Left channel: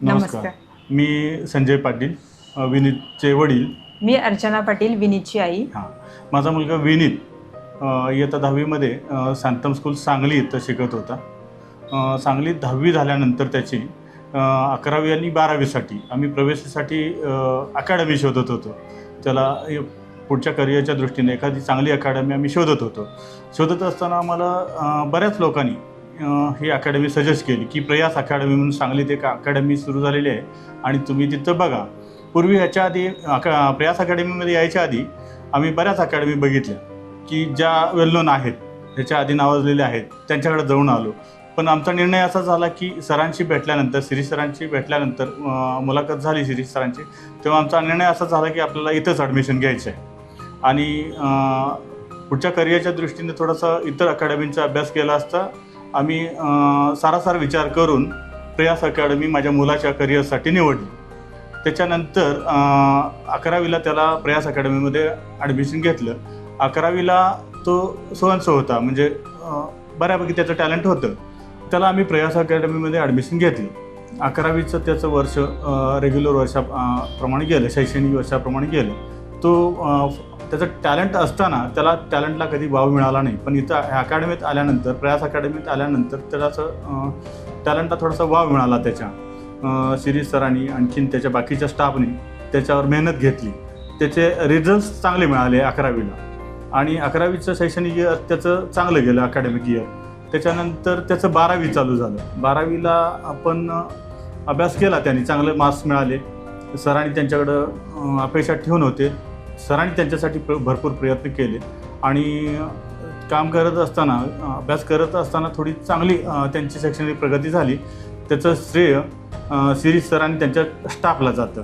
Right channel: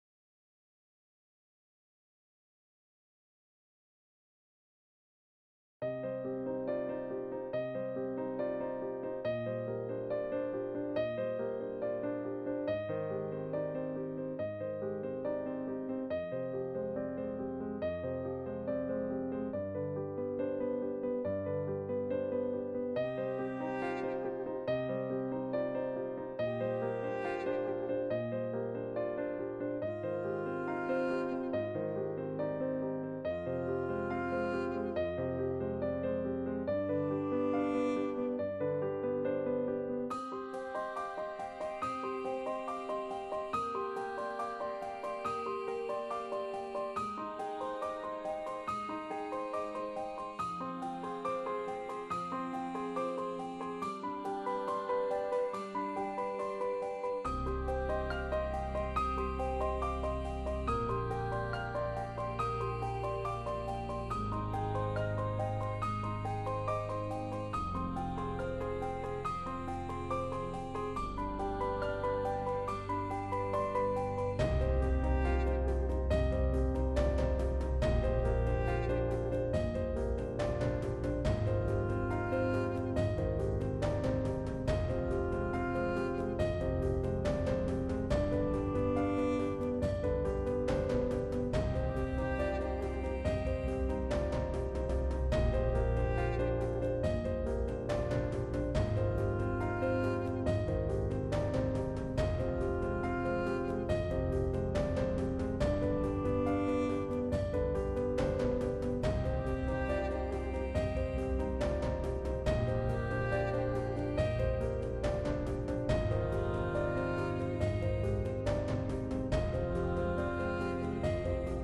नमस्कार. मी संजय पाटील, विनीतचे वडील. मी अर्चना पाटील, विनीतची आई. हां, माझा मुलगा विनीत इयत्ता 10वीमध्ये शांतम स्कूल सांगली इथं शिकत होता. सांगलीत 10वी झाल्यानंतर त्याची 11वी आणि 12वीसाठी आम्ही प्रवेशासाठी अकॅडमी शोधत होतो. त्याला पुढच्या करिअरच्या दृष्टीने एखादी चांगली अकॅडमी आम्ही शोधत होतो. शोधत असताना आम्हाला बऱ्याच लोकांनी ही अकॅडमी सजेस्ट केली की प्रयास अकॅडमी म्हणून सांगलीत एक अकॅडमी सुरू झालेली आहे आणि तुम्ही तिथं बघा. पूर्वी ह्याच्या आधी प्रयास अकॅडमीमध्ये यायच्या आधी आम्ही बऱ्याच अकॅडमी बघितल्या की ज्या वेल नोन आहेत, ह्याच्या आधी नावाजलेल्या आहेत, त्यांच्याकडे जाऊन आलो. पण आमचा निर्णय असा झाला की सरांशी भेटल्यानंतर, शिरीष सरांशी भेटल्यानंतर मुलाखत झाली शिरीष सरांची, तेव्हा आमचा निर्णय असा झाला की आपल्याला इथंच ॲडमिशन घ्यायचं आहे आणि पुढच्या करिअरच्या दृष्टीने थोडासा इतर अकॅडमींचा अभ्यास केला असता आम्ही सारासार विचार करून प्रयास अकॅडमी माझ्या मुलाच्या करिअरसाठी निवडली. त्याच्यानंतर 11वीला त्याला प्रयास अकॅडमीमध्ये ॲडमिशन घेतलं. 11वीला तो सोअनसो होता, म्हणजे बऱ्यापैकी त्याचं टॅलेंट होतं. त्याला आम्ही प्रयास अकॅडमीमध्ये ॲडमिशन घेतली. 11वीचं त्याचं वर्ष रेग्युलर वर्षाप्रमाणे गेलं, शैक्षणिक वर्षाप्रमाणे गेलं. तो त्याचं टॅलेंट असताना त्याला टॅलेंटला कधी वाव मिळाला नाही. पण इथं अकॅडमीत आल्यानंतर, प्रयास अकॅडमीत आल्यानंतर त्याला असं टॅलेंटला थोडासा वाव मिळाला. त्याच्या शिरीष सरांनी आणखीन त्याच्या बाकीच्या स्टाफने त्याच्यावर मेहनत घेतली. त्याचे रिझल्ट्स चांगले मिळाले 11वीला आणि 11वीचं शैक्षणिक इयर त्याचं चांगलं गेलं, अकॅडमिक इयर. त्याच्यानंतर त्याचं 12वी चालू झालं. 12वीला आपण अभ्यास केला, त्यांनी चांगले मार्क्स मिळाले. सरांनी त्यांच्याकडं अपेक्षा ठेवून होते. सरांनी त्यांच्यासाठी भरपूर प्रयत्न केले आणि काम करत असताना, अभ्यास करत असताना थोडी चांगली त्यांची शैक्षणिक प्रगती झाली. त्याचं श्रेय शिरीष सरांनी त्यांच्या स्टाफला जातं.